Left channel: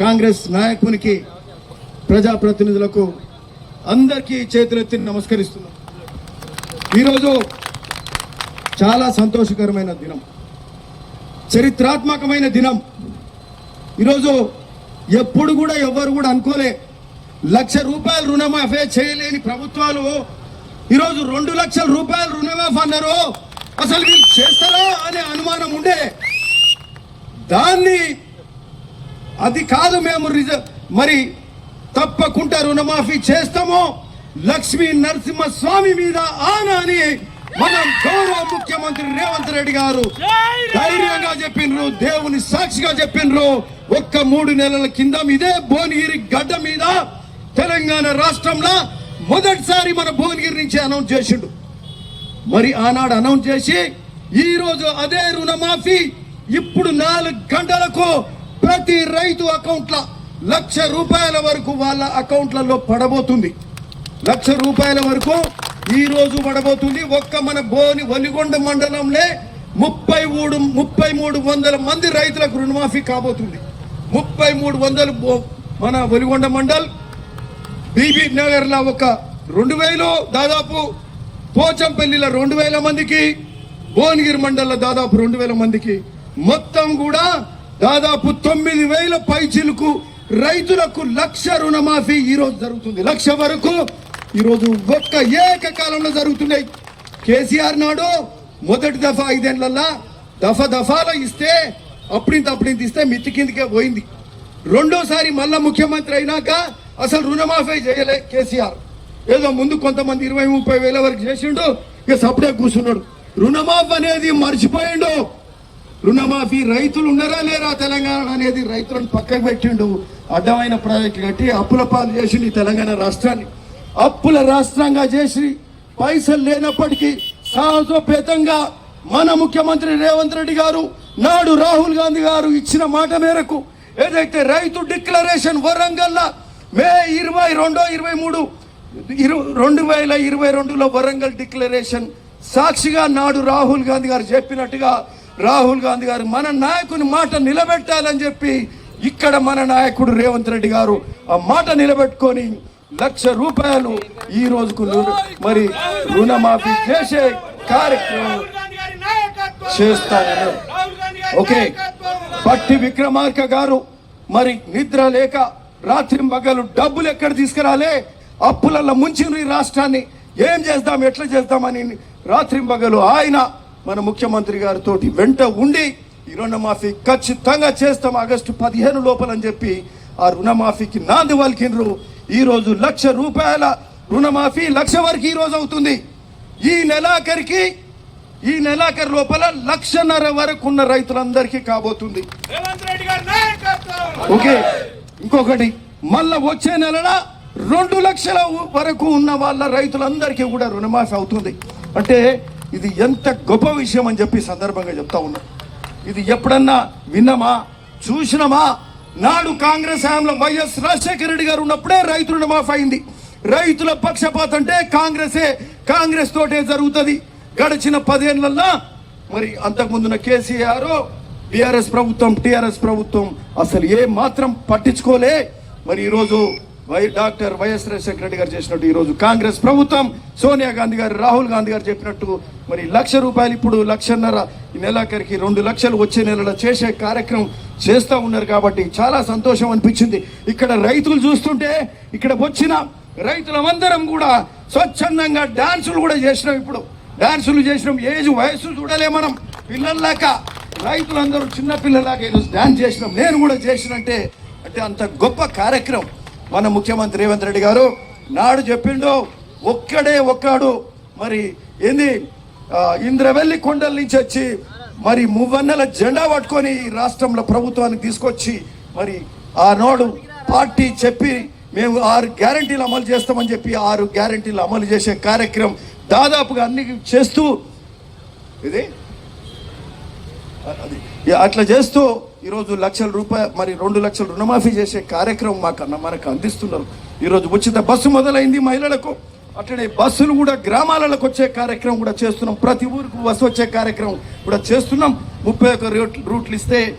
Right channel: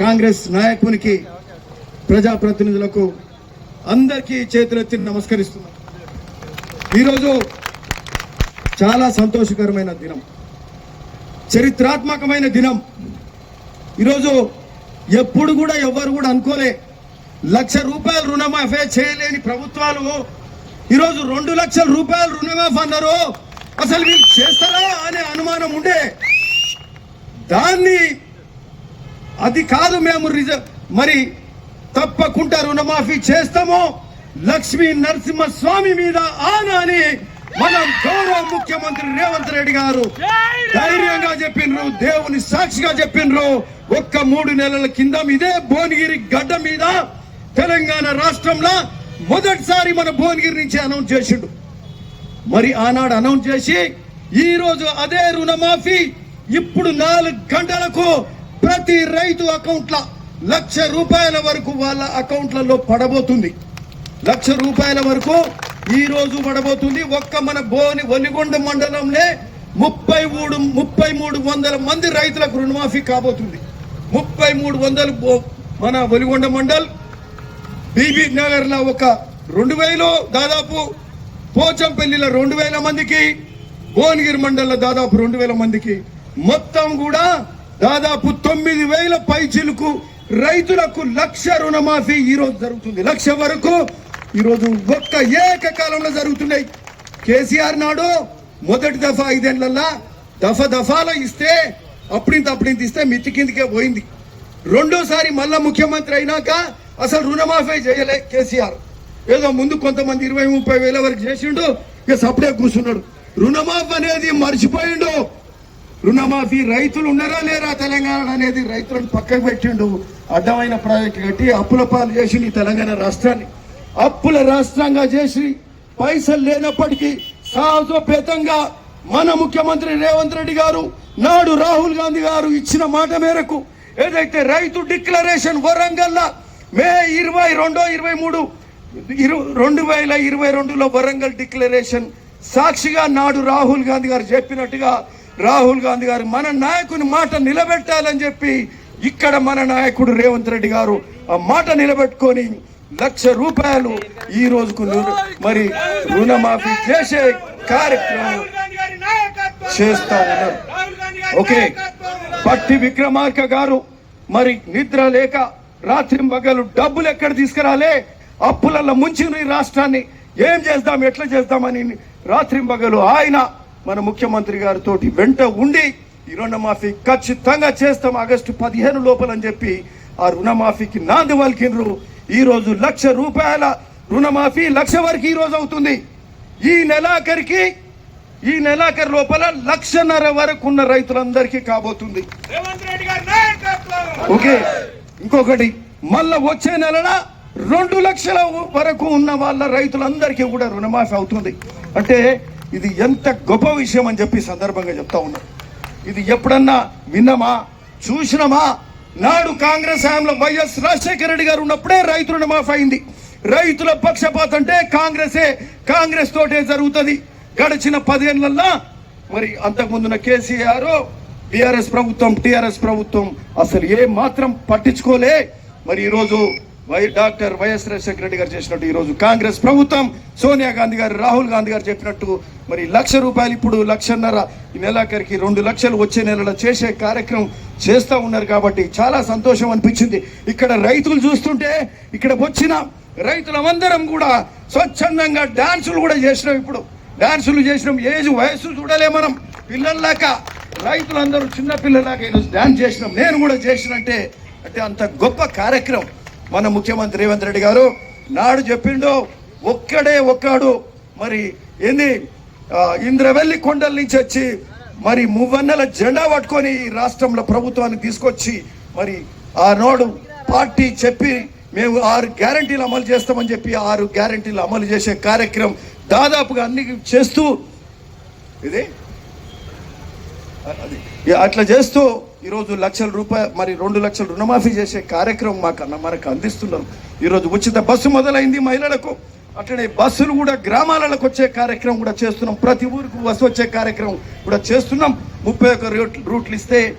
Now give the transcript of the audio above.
కాంగ్రెస్ నాయకునికి ప్రజాప్రతినిధులకు అందరికీ చేతులెత్తి నమస్కరిస్తున్నాం. ఈరోజు చాలా సంతోషకరమైన దినం. చరిత్రాత్మకమైన దినం. ఈరోజు ఎప్పుడు కూడా ఎవరు కూడా అనుకోలే. లక్ష రూపాయలు రుణమాఫీ చేయలేని ప్రభుత్వాలు. ఈరోజు రెండు లక్షల రూపాయలు రుణమాఫీ అన్నారు. అసలు వీళ్ళు చేస్తారా అనే అనుమానం ఉండే దాన్ని అది కాదు మేము మరి తప్పకుండా రుణమాఫీ చేస్తాము లక్ష్మీ నరసింహ స్వామి మీద ఆనా అని మనం గౌరవ ముఖ్యమంత్రి రేవంత్ రెడ్డి గారు ధైర్యంగా చెప్పిండ్రు దేవుని సాక్షిగా చెప్పిండ్రు ఒక్క మూడు నెలల కింద ఇదే భువనగిరి గడ్డ మీద తెలంగాణ రాష్ట్రంలో మొదటిసారి మన భువనగిరి నుంచి అనౌన్స్ చేసిండు. మరి ఆనాడు అనౌన్స్ చేసి ఈ రోజు అదే రుణమాఫీ ఇప్పుడు నాలుగు గంటలకు ప్రతి రైతు అకౌంట్ల లక్ష రూపాయల వరకు వాళ్ళ అకౌంట్లలో పడబోతుంది. లక్ష రూపాయల వరకు ఈ రోజు పడబోతుంది. ఒక్క మన బోని వలిగొండ మండలంలో ముప్పై మూడు ముప్పై మూడు వందల మంది రైతులకు రుణమాఫీ కాబోతుంది. ముప్పై మూడు వందలు మన వలిగొండ మండల్ బీబీ నగర్లో ఒక రెండు వేలు దాదాపు పోచంపల్లిలో రెండు వేల మందికి భువనగిరి మండలంలో దాదాపు రెండు వేల మందికి. మొత్తం కూడా దాదాపు తొమ్మిది వేల పైచిలకు రైతులకు లక్ష రుణమాఫీ ఈరోజు జరుగుతుంది. లక్ష వరకు ఈరోజు రోజు ఒక్క ఏకకాలంలో జరుగుతున్నాయి. కేసీఆర్ నాడు మొదటి దఫా ఐదేళ్ళలో దఫ దఫాలో ఇస్తే అప్పుడింత అప్పుడింత ఇస్తే మిత్తి కిందకే పోయింది. రెండోసారి మళ్ళా ముఖ్యమంత్రి అయినాక అసలు రుణమాఫీ చేయలే కేసీఆర్. ఏదో ముందు కొంతమంది ఇరవై ముప్పై వేల వరకు చేసిండు ఇక సపడే కూర్చున్నాడు. రుణమాఫీ అనేది మర్చిపోయిండు. రుణమాఫీ రైతులు ఉన్నారా లేరా తెలంగాణ అనేది రైతులను పక్కకు పెట్టిండు. అడ్డమైన ప్రాజెక్టు కట్టి అప్పుల పాలు చేసి ఈ తెలంగాణ రాష్ట్రాన్ని. అప్పుల రాష్ట్రంగా చేసి పైసలు లేనప్పటికీ సాహసోపేతంగా మన ముఖ్యమంత్రి రేవంత్ రెడ్డి గారు నాడు రాహుల్ గాంధీ గారు ఇచ్చిన మాట మేరకు ఏదైతే రైతు డిక్లరేషన్ వరంగల్ మే ఇరవై రెండో ఇరవై మూడు ఇరు- రెండు వేల ఇరవై రెండులో వరంగల్ డిక్లరేషన్ సాక్షిగా నాడు రాహుల్ గాంధీ గారు చెప్పినట్టుగా రాహుల్ గాంధీ గారు మన నాయకుని మాట నిలబెట్టాలని చెప్పి ఇక్కడ మన నాయకుడు రేవంత్ రెడ్డి గారు ఆ మాట నిలబెట్టుకొని లక్ష రూపాయలు ఈ రోజుకు మరి రుణమాఫీ చేసే కార్యక్రమం గారి ఓకే. పట్టి విక్రమార్క గారు మరి నిద్ర లేక రాత్రి మగలు డబ్బులు ఎక్కడ తీసుకురాలే? అప్పులలో ముంచిన ఈ రాష్ట్రాన్ని ఏం చేద్దాం ఎట్లా చేద్దామని రాత్రి మగలు ఆయన మన ముఖ్యమంత్రి గారితో వెంట ఉండి ఈ రుణమాఫీ ఖచ్చితంగా చేస్తాం ఆగస్టు పదిహేను లోపలని చెప్పి ఆ రుణమాఫీకి నాంది పలికిండ్రు ఈ రోజు లక్ష రూపాయల రుణమాఫీ లక్ష వరకు ఈ రోజు అవుతుంది. ఈ నెలాఖరికి ఈ నెలాఖరు లోపల లక్షన్నర వరకు ఉన్న రైతులందరికీ కాబోతుంది. ఓకే ఇంకొకటి మళ్ళా వచ్చే నెలన రెండు లక్షల వరకు ఉన్న వాళ్ళ రైతులందరికీ కూడా రుణమాఫీ అవుతుంది. అంటే ఇది ఎంత గొప్ప విషయం అని చెప్పి సందర్భంగా చెప్తా ఉన్నా. ఇది ఎప్పుడన్నా విన్నామా? చూసినామా? నాడు కాంగ్రెస్ హయాంలో వైఎస్ రాజశేఖర రెడ్డి గారు ఉన్నప్పుడే రైతుల రుణమాఫీ అయింది రైతుల పక్షపాతం అంటే కాంగ్రెసే కాంగ్రెస్ తోటే జరుగుతుంది. గడిచిన పదేళ్ళలో మరి అంతకుముందున కేసీఆర్ బీఆర్ఎస్ ప్రభుత్వం టీఆర్ఎస్ ప్రభుత్వం అసలు ఏ మాత్రం పట్టించుకోలే. మరి ఈరోజు వై డాక్టర్ వైఎస్ రాజశేఖర రెడ్డి గారు చేసినట్టు ఈ రోజు కాంగ్రెస్ ప్రభుత్వం సోనియా గాంధీ గారు రాహుల్ గాంధీ గారు చెప్పినట్టు మరి లక్ష రూపాయలు ఇప్పుడు లక్షన్నర ఈ నెలాఖరికి రెండు లక్షలు వచ్చే నెలలో చేసే కార్యక్రమం చేస్తూ ఉన్నారు కాబట్టి చాలా సంతోషం అనిపించింది. ఇక్కడ రైతులు చూస్తుంటే ఇక్కడ వచ్చిన రైతులమందరం కూడా స్వచ్ఛందంగా డాన్సులు కూడా చేసినాం ఇప్పుడు. డాన్సులు చేసినాం. ఏజ్ వయసు చూడలే మనం. పిల్లల్లాక రైతులందరూ చిన్న పిల్లలాగా ఈరోజు డాన్స్ చేసినాం. నేను కూడా చేసినంటే అంటే అంత గొప్ప కార్యక్రమం. మన ముఖ్యమంత్రి రేవంత్ రెడ్డి గారు నాడు చెప్పిండో ఒక్కడే ఒక్కడు. మరి ఏంది? ఇంద్రవెల్లి కొండల నుంచి వచ్చి మరి మువ్వన్నెల జెండా పట్టుకొని ఈ రాష్ట్రంలో ప్రభుత్వాన్ని తీసుకొచ్చి మరి ఆనాడు పార్టీ చెప్పి మేము ఆరు గ్యారంటీలు అమలు చేస్తామని చెప్పి ఆరు గ్యారంటీలు అమలు చేసే కార్యక్రమం దాదాపుగా అన్ని చేస్తూ ఇది? అది. అట్లా చేస్తూ ఈరోజు లక్షల రూపాయలు మరి రెండు లక్షల రుణమాఫీ చేసే కార్యక్రమం మాకు అన్న మనకు అందిస్తున్నాం. ఈరోజు ఉచిత బస్సు మొదలైంది మహిళలకు. అట్లనే బస్సులు కూడా గ్రామాలకు వచ్చే కార్యక్రమం కూడా చేస్తున్నాం. ప్రతి ఊరికి బస్సు వచ్చే కార్యక్రమం కూడా చేస్తున్నాం. ముప్పై ఒక్క రూట్లు ఇస్తే